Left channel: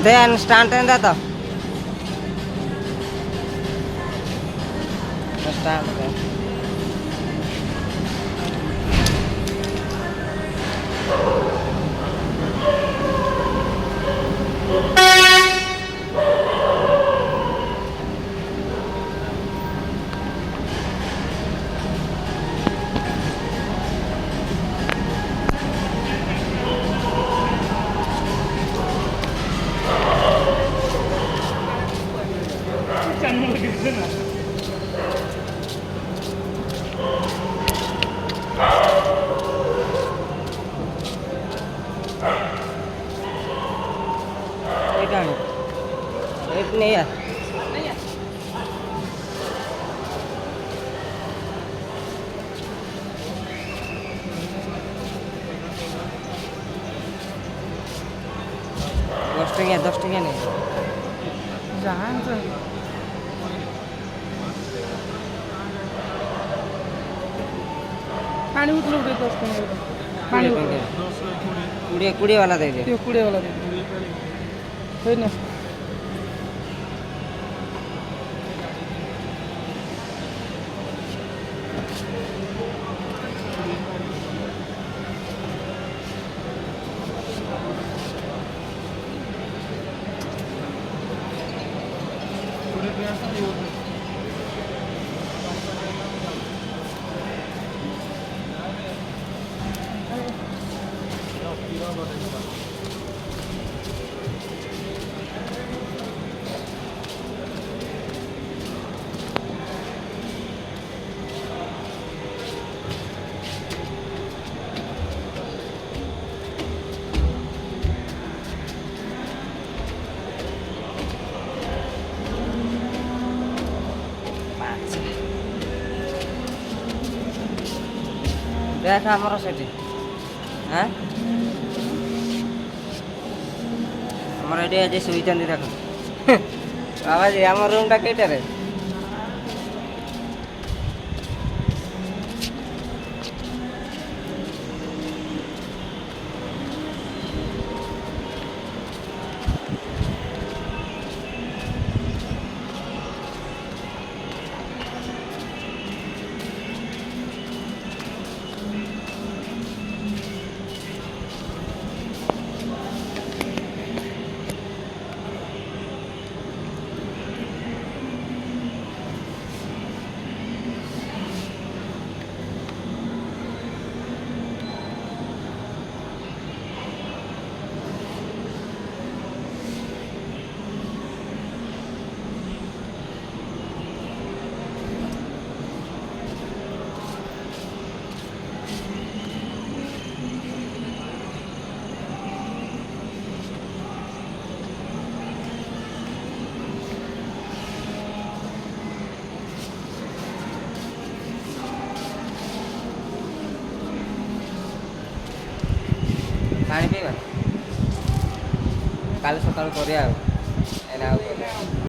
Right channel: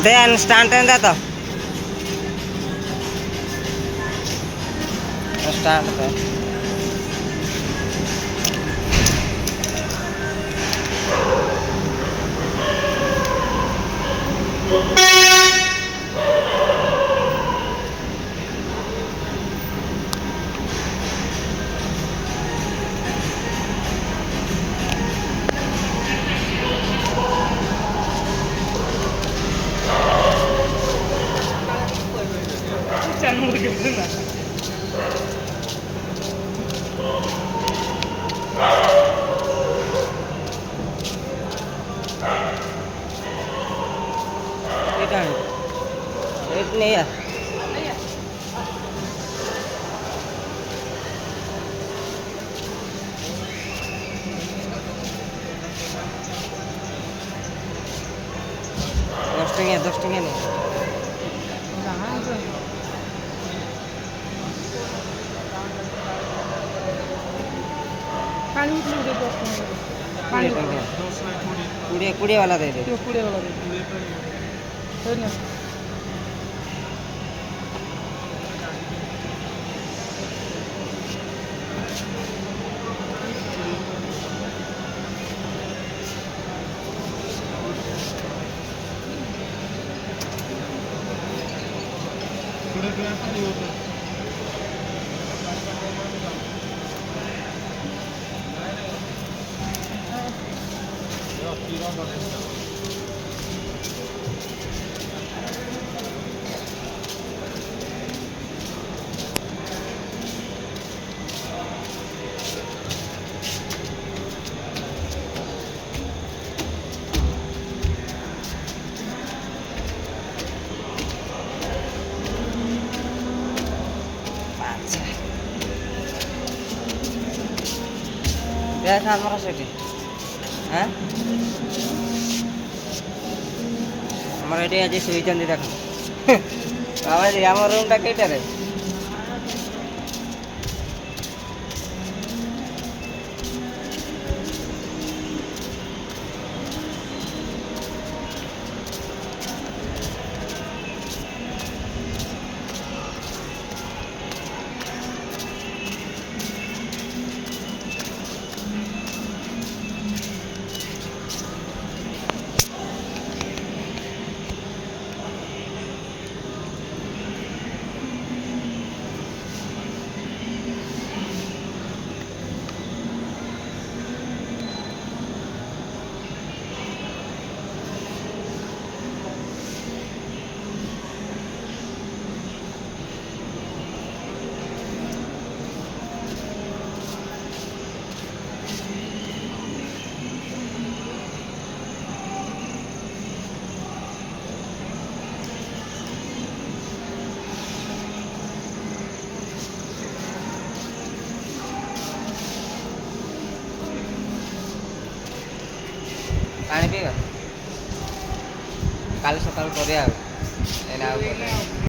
Then stand and that. Stand there. एक नहीं है दस टंगे नहीं पानी पानी कुड़े वाला दे दे कुड़े वाला दे दे देख आमर सेठी हाँ आमर ये आज शुई देख आम रूम टा कईटारे पानी पीवा काली सकाळु करिया